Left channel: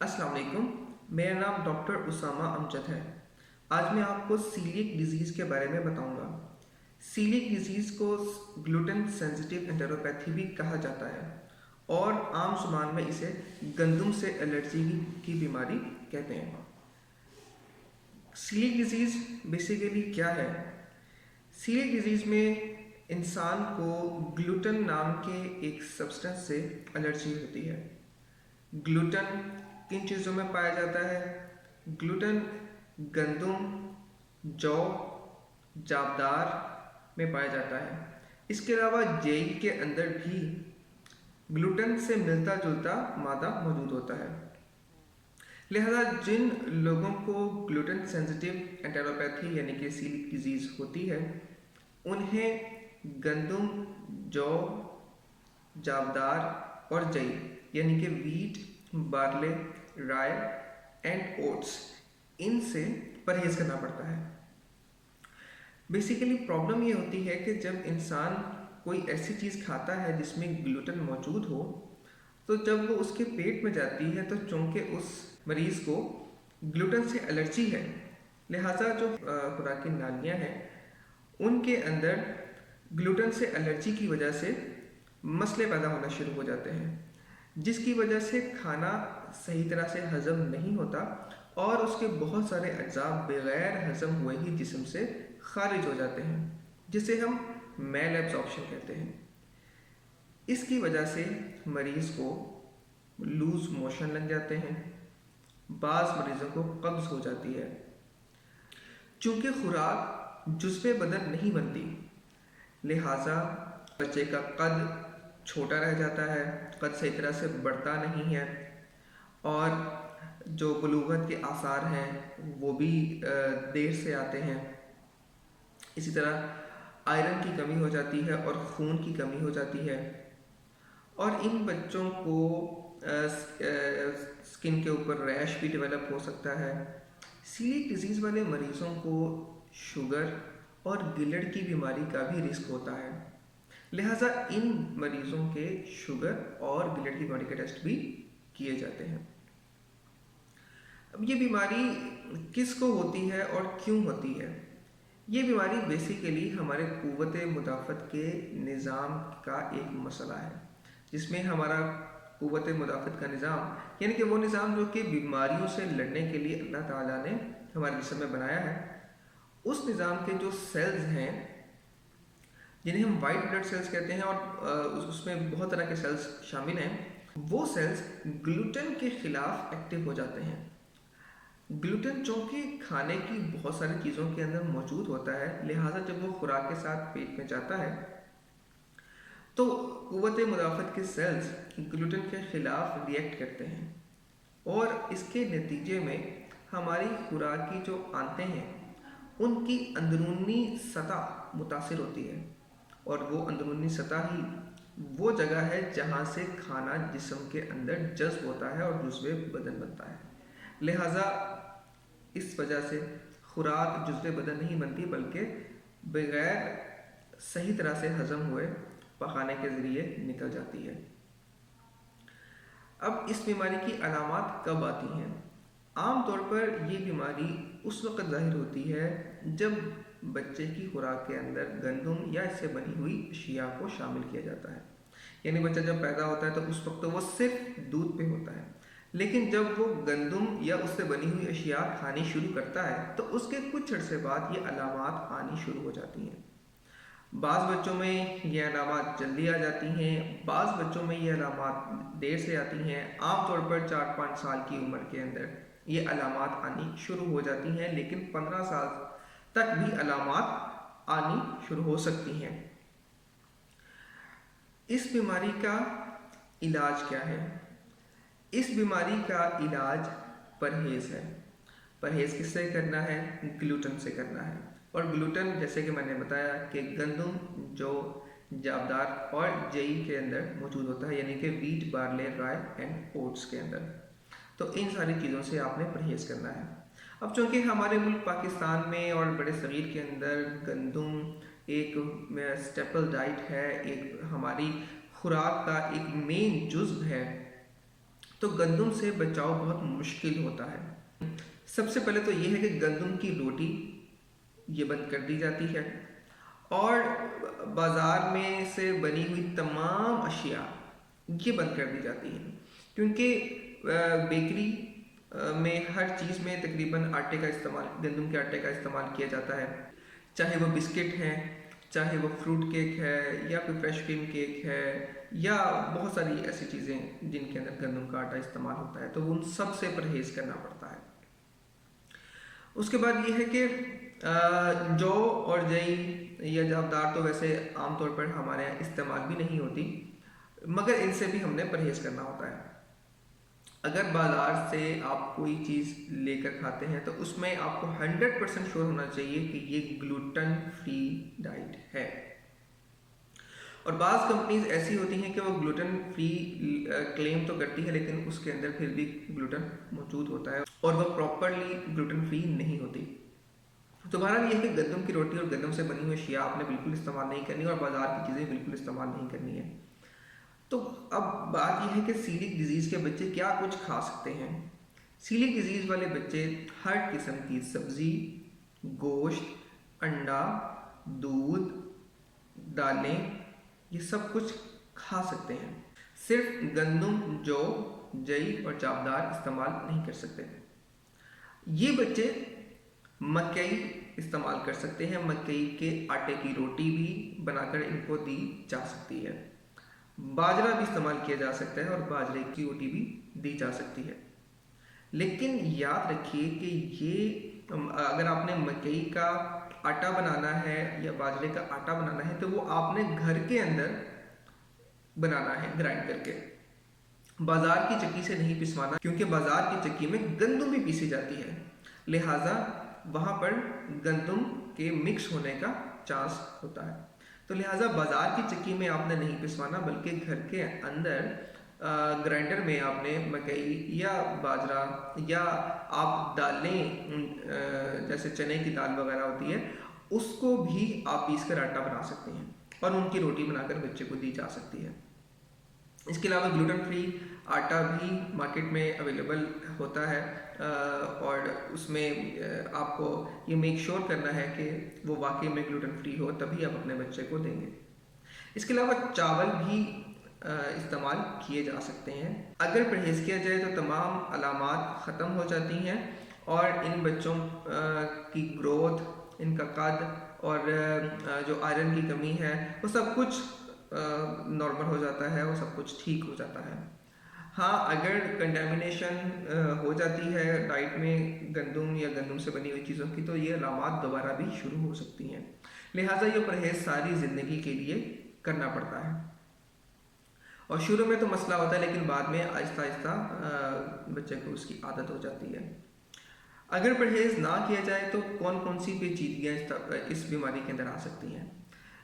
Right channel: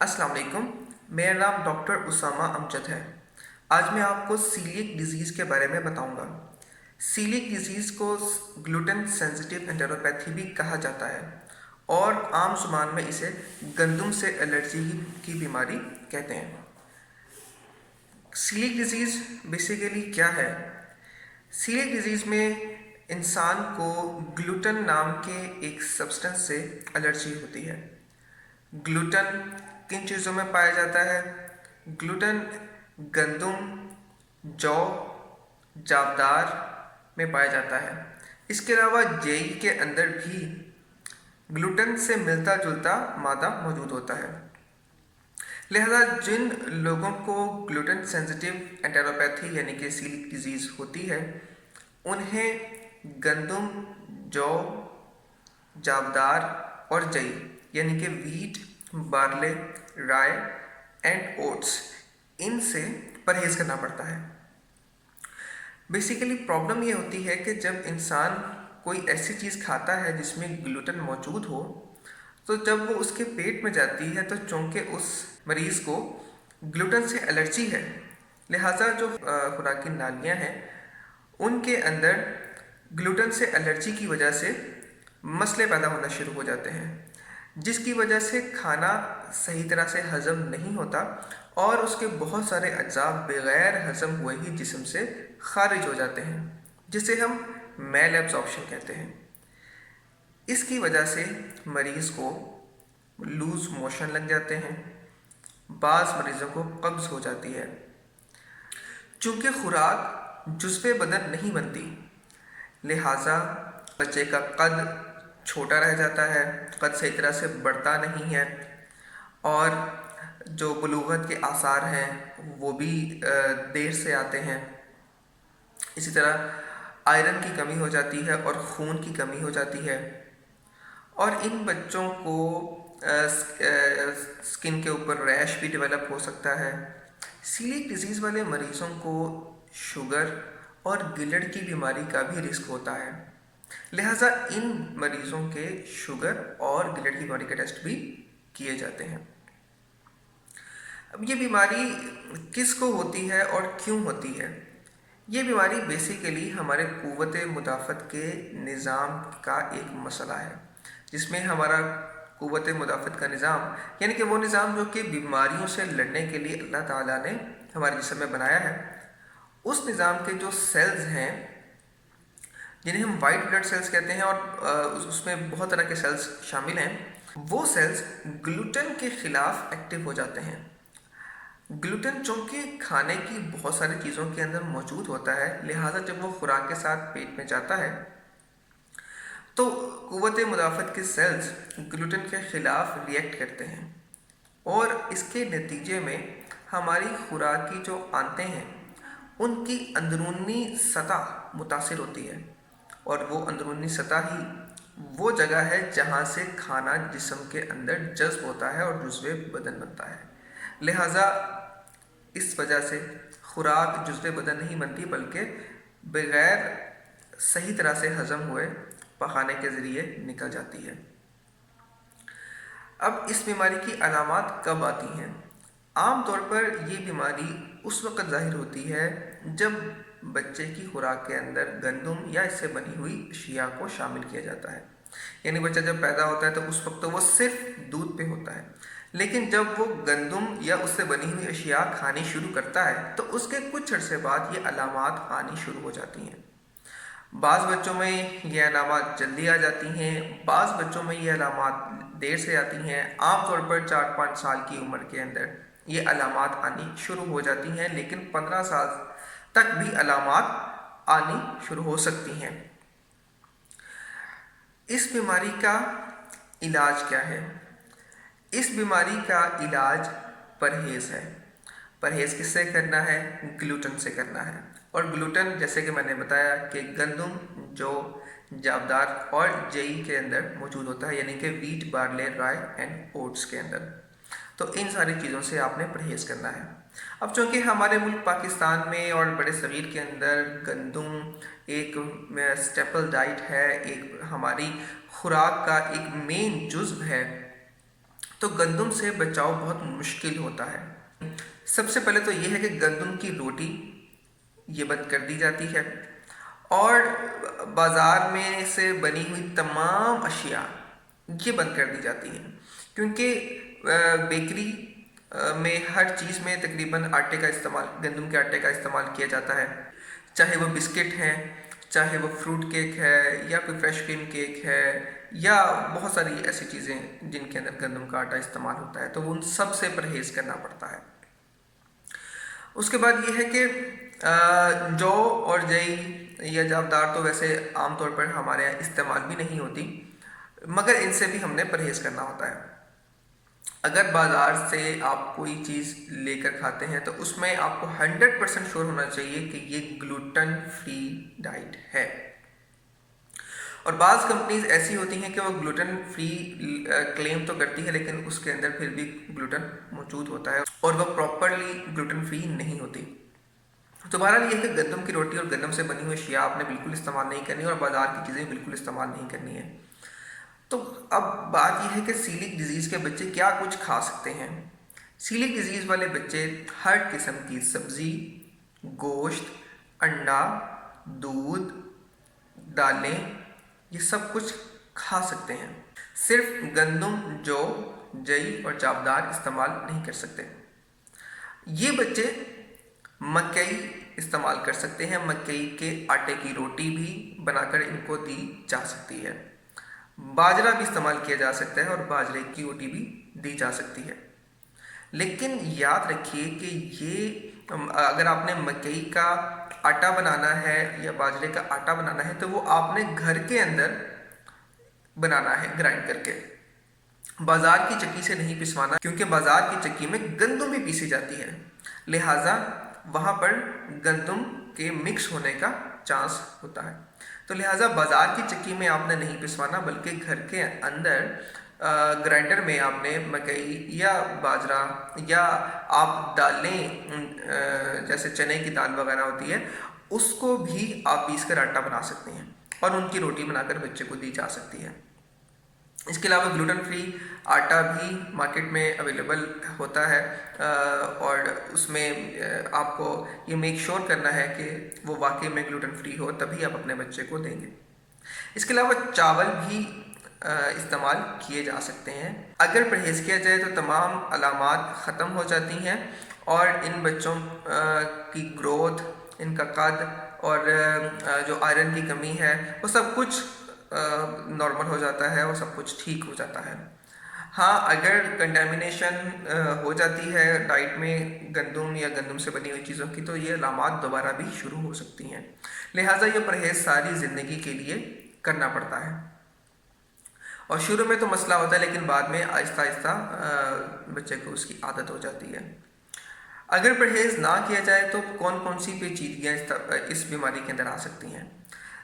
अस्सलाम वालेकुम। मेरा नाम डॉक्टर उसामा अमजद है। आज मैं आपको सीलिएक डिज़ीज़ के बारे में बताऊंगा। सीलिएक डिज़ीज़ को ग्लूटेन सेंसिटिव एंटेरोपैथी भी कहा जाता है और आम ज़ुबान में इसे गंदम से एलर्जी की बीमारी कहते हैं। सीलिएक डिज़ीज़ बेसिकली क्या है? सीलिएक डिज़ीज़ में इंसान को ग्लूटेन नाम के एक सब्सटेंस से एलर्जी होती है। ग्लूटेन किन चीज़ों में पाया जाता है? ग्लूटेन गंदम, जौ, जावदार में पाया जाता है। इसके अलावा जेई के अंदर भी ग्लूटेन से मिलता जुलता मादा मौजूद होता है। लिहाजा जिन लोगों को ग्लूटेन सेंसिटिव एंटेरोपैथी यानी कि सीलिएक डिजीज़ होती है, उन्हें गंदम, जौ, जावदार और जई यानी कि wheat, barley, rye and oats, इनसे परहेज़ करना पड़ता है। बेसिकली प्रॉब्लम ये होती है कि जब इंसान कोई ऐसी चीज़ खाता है जिसमें ग्लूटेन मौजूद हो, तो जब वो उसके पेट में जाती है तो चूँकि उस मरीज़ को ग्लूटेन से एलर्जी है, लिहाजा जो खुराकी नालियाँ हैं उनके अंदर ग्लूटेन से एलर्जी की वजह से मसले पैदा होना शुरू हो जाते हैं, जिसकी वजह से खाना सही तरह से हज़म नहीं होता और उसके बहुत सारे अज्जा बग़ैर हज़म हुए ही जिस्म से ख़ारिज हो जाते हैं, जिसे हम मैल एब्ज़ॉर्प्शन कहते हैं। इसकी वजह से मरीज़ को लूज़ मोशन लग जाते हैं, बाज़ मरीज़ों को कब्ज़ हो जाती है। चूँकि खुराक जुज़्वे बदन नहीं बनती, लिहाजा बच्चे का कद छोटा रह जाता है, कद सही तरह से बढ़ता नहीं है और जो बुलूगत के आसार हैं वो भी देर से आते हैं। इसी तरह आयरन की कमी हो जाती है और खून की कमी हो जाती है और इन बच्चों को स्किन के ऊपर रैश भी डेवलप हो सकता है। सीलिएक डिजीज़ वाले मरीज़ों को शुगर और गिलड़ की बीमारी का भी रिस्क होता है, लिहाजा इन मरीज़ों के शुगर और गिलड़ की बीमारी के टेस्ट भी किए जाते हैं। अब ये बीमारी किसको होती है और क्यों होती है? ये बीमारी बेसिकली हमारे क़ुव्वत मुदाफ़त के निज़ाम का एक मसला है, जिसमें हमारा क़ुव्वत मुदाफ़त का निज़ाम यानी कि वो निज़ाम जो कि बीमारियों से लड़ने के लिए अल्लाह ताला ने हमारे जिस्म में बनाया है, उस निज़ाम के जो सेल्स हैं जिन्हें हम वाइट ब्लड सेल्स कहते हैं और उसमें बहुत तरह के सेल्स शामिल हैं, वो सेल्स ग्लूटेन के ख़िलाफ़ एक्टिव हो जाते हैं। ग्लूटेन चूँकि खाने की बहुत सारी चीज़ों के अंदर मौजूद होता है, लिहाजा जब वो खुराक के साथ पेट में जाता है तो क़ुव्वत मुदाफ़त के सेल्स ग्लूटेन के ख़िलाफ़ रिएक्ट करते हैं और इसके नतीजे में हमारी खुराक की जो आंतें हैं उनकी अंदरूनी सतह मुतासिर होती है और वो अंदरूनी सतह ही वो जगह है जहाँ से खाना जिस्म के अंदर जज़्ब होता है और जुज़्वे बदन बनता है। लिहाजा इस वजह से खुराक जुज़्वे बदन नहीं बनती, बल्कि बग़ैर सही तरह से हज़म हुए पखाने के ज़रिए निकल जाती है। अब इस बीमारी की अलामात कब आती हैं? आम तौर पर ये बीमारी उस वक़्त ज़ाहिर होती है जब बच्चे की खुराक के अंदर गंदम या इससे बनी हुई अशिया को शामिल किया जाता है। यानी बच्चा जब पैदा होता है तो उस वक्त तो वो सिर्फ दूध पे होता है, लेकिन जब वो गंदम या उससे बनी हुई अशिया खानी शुरू करता है तो उसके कुछ अर्से बाद ये अलामात आनी शुरू हो जाती हैं। बाज़ बच्चों में ये अलामात जल्दी आ जाती हैं, बाज़ बच्चों में ये अलामात देर से आती हैं। आम तौर पर 4-5 साल की उम्र के अंदर ये अलामात आनी शुरू हो जाती हैं, लेकिन 15 साल तक भी अलामात आनी शुरू हो सकती हैं। इस बीमारी का इलाज क्या है? इस बीमारी का इलाज परहेज़ है। परहेज़ किससे करना है? ग्लूटेन से करना है। और ग्लूटेन जैसे कि मैंने बताया कि गंदम, जौ, जावदार और जई के अंदर मौजूद होता है, यानी कि wheat, barley, rye and oats के अंदर। तो इन सारी चीज़ों से आपने परहेज़ करना है। अब चूँकि हमारे मुल्क पाकिस्तान में और बड़े सग़ीर के अंदर गंदम एक स्टेपल डाइट है, एक हमारी खुराक का एक मेन जुज़्व है, تو گندم سے بچاؤ بہت مشکل ہوتا ہے۔ سب سے پہلے تو یہ ہے کہ گندم کی روٹی یہ بند کر دی جاتی ہے، اور بازار میں سے بنی ہوئی تمام اشیاء یہ بند کر دی جاتی ہیں، کیونکہ بیکری میں ہر چیز میں تقریباً آٹے کا استعمال، گندم کے آٹے کا استعمال کیا جاتا ہے، چاہے وہ بسکٹ ہیں، چاہے وہ فروٹ کیک ہے، یا کوئی فریش کریم کیک ہے، یا بہت ساری ایسی چیزیں جن کے اندر گندم کا آٹا استعمال ہوتا ہے، تو ان سب سے پرہیز کرنا پڑتا ہے۔ اس کے بعد یہ ہے کہ جو اور جئی یا جابدار تو ویسے عام طور پر ہمارے یہاں استعمال بھی نہیں ہوتی، مگر ان سے بھی ہم نے پرہیز کرنا ہوتا ہے۔ اگر بازار سے آپ کوئی چیز لے کر کھاتے ہیں تو اس میں آپ کو 100% شور ہونا چاہیے کہ یہ گلوٹن فری ڈائٹ ہے۔ اور بعض کمپنیز ایسی ہوتی ہیں کہ وہ گلوٹن فری کلیم تو کرتی ہے، لیکن اس کے اندر پھر بھی گلوٹن موجود ہوتا ہے اور وہ پراپرلی گلوٹن فری نہیں ہوتی۔ تو بہرحال یہ ہے کہ گندم کی روٹی اور گندم سے بنی ہوئی اشیاء آپ نے بالکل استعمال نہیں کرنی، اور بازار کی چیزیں بالکل استعمال نہیں کرنی ہے۔ تو اب بات یہ ہے کہ سیلک ڈیزیز کے بچے کیا کچھ کھا سکتے ہیں۔ سیلک ڈیزیز والے بچے ہر قسم کی سبزی، گوشت، انڈا، دودھ، دالیں، یہ سب کچھ کھا سکتے ہیں۔ صرف گندم، جو، جئی اور جابدار استعمال نہیں کر سکتے۔ یہ بچے مکئی استعمال کر سکتے ہیں، مکئی کے آٹے کی روٹی بھی بنا کر ان کو دی جا سکتی ہے۔ باجرہ بھی استعمال کیا جا سکتا ہے اور باجرے کی روٹی بھی دی جا سکتی ہے۔ لیکن یاد رکھیے کہ یہ اگر آپ نے مکئی کا آٹا بنانا ہے یا باجرے کا آٹا بنانا ہے تو وہ آپ نے گھر کے اندر بنانا ہے گرائنڈ کر کے، بازار کی چکی سے نہیں پسوانا، کیونکہ بازار کی چکی میں گندم بھی پیسی جاتی ہے، لہٰذا وہاں پر گندم کے مکس ہونے کا چانس ہوتا ہے۔ تو لہٰذا بازار کی چکی میں آپ نے نہیں پسوانا، بلکہ گھر کے اندر گرائنڈر میں آپ نے مکئی یا باجرہ یا آپ دالیں جیسے چنے کی دال وغیرہ ہوتی ہے اس کو بھی آپ پیس کر آٹا بنا سکتے ہیں اور ان کی روٹی بنا کر بچے کو دی جا سکتی ہے۔ اس کے علاوہ گلوٹن فری آٹا بھی مارکیٹ میں اویلیبل ہوتا ہے، اور اس میں آپ کو یہ میک شور کرنا ہے کہ وہ واقعی میں گلوٹن فری ہو، تبھی آپ اپنے بچے کو دیں گے۔ اس کے علاوہ چاول بھی استعمال کیے جا سکتے ہیں۔ اگر پرہیز کیا جائے تو تمام علامات ختم ہو جاتی ہیں اور ان بچوں کی گروتھ، ان کا قد اور جو آئرن کی کمی ہے وہ سب کچھ نارمل ہو جاتا ہے، وہ سب کچھ ٹھیک ہو جاتا ہے۔ ہاں، اگر کنٹامینیشن ہو جاتی ہے ڈائٹ میں گندم یا گندم سے بنی ہوئی چیزوں کی تو یہ علامات دوبارہ بھی شروع ہو سکتی ہیں، لہٰذا یہ پرہیز ساری زندگی کے لیے کرنا پڑتا ہے۔ اور شروع میں تو مسئلہ ہوتا ہے لیکن بعد میں آہستہ آہستہ بچے کو اس کی عادت ہو جاتی ہے۔ اگر پرہیز نہ کیا جائے تو کون کون سی پیچیدگیاں اس بیماری کے اندر آ سکتی ہیں۔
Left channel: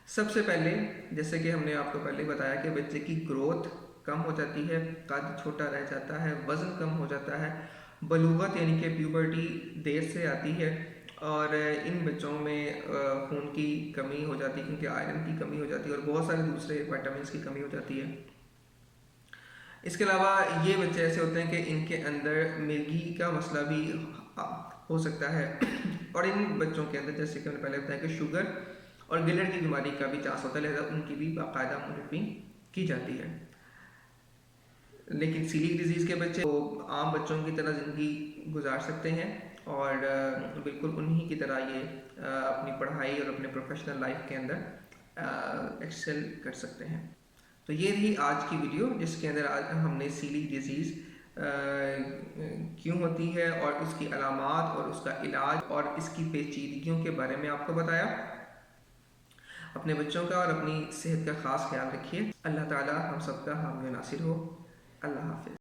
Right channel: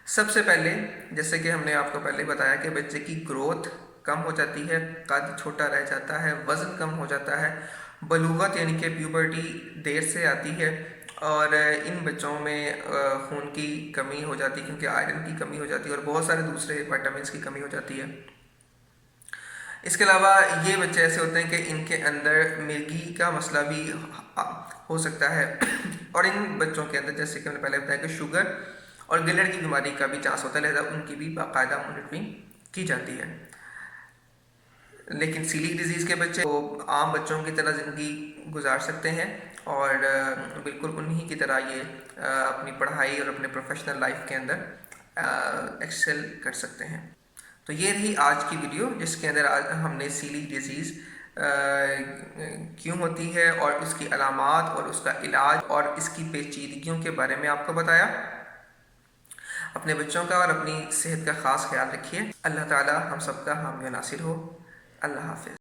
سب سے پہلے جیسے کہ ہم نے آپ کو پہلے بتایا کہ بچے کی گروتھ کم ہو جاتی ہے، قد چھوٹا رہ جاتا ہے، وزن کم ہو جاتا ہے، بلوغت یعنی کہ پیوبرٹی دیر سے آتی ہے، اور ان بچوں میں خون کی کمی ہو جاتی ہے کیونکہ آئرن کی کمی ہو جاتی ہے اور بہت سارے دوسرے وائٹامنس کی کمی ہو جاتی ہے۔ اس کے علاوہ یہ بچے ایسے ہوتے ہیں کہ ان کے اندر مرگی کا مسئلہ بھی ہو سکتا ہے، اور ان بچوں کے اندر جیسے کہ میں نے پہلے بتایا کہ شوگر اور گلڑ کی بیماری کا بھی چانس ہوتا ہے، لہذا ان کی بھی باقاعدہ مانیٹرنگ کی جاتی ہے۔ لیکن سیلک ڈیزیز کے بچے وہ عام بچوں کی طرح زندگی گزار سکتے ہیں اور بالکل انہی کی طرح یہ اپنی پڑھائی اور اپنے پروفیشنل لائف کے اندر ایکسل کر سکتے ہیں۔ تو یہ رہی آج کی ویڈیو جس کے اندر آج ہم نے سیلک ڈیزیز کیوں ہوتی ہے اور اس کی علامات اور اس کا علاج اور اس کی پیچیدگیوں کے بارے میں آپ کو بتایا۔ اپنے بچوں کا اور اپنی صحت کا خاص خیال رکھیے۔ اللہ تعالی ہم سب کا حامی و ناصر ہو۔ اللہ حافظ۔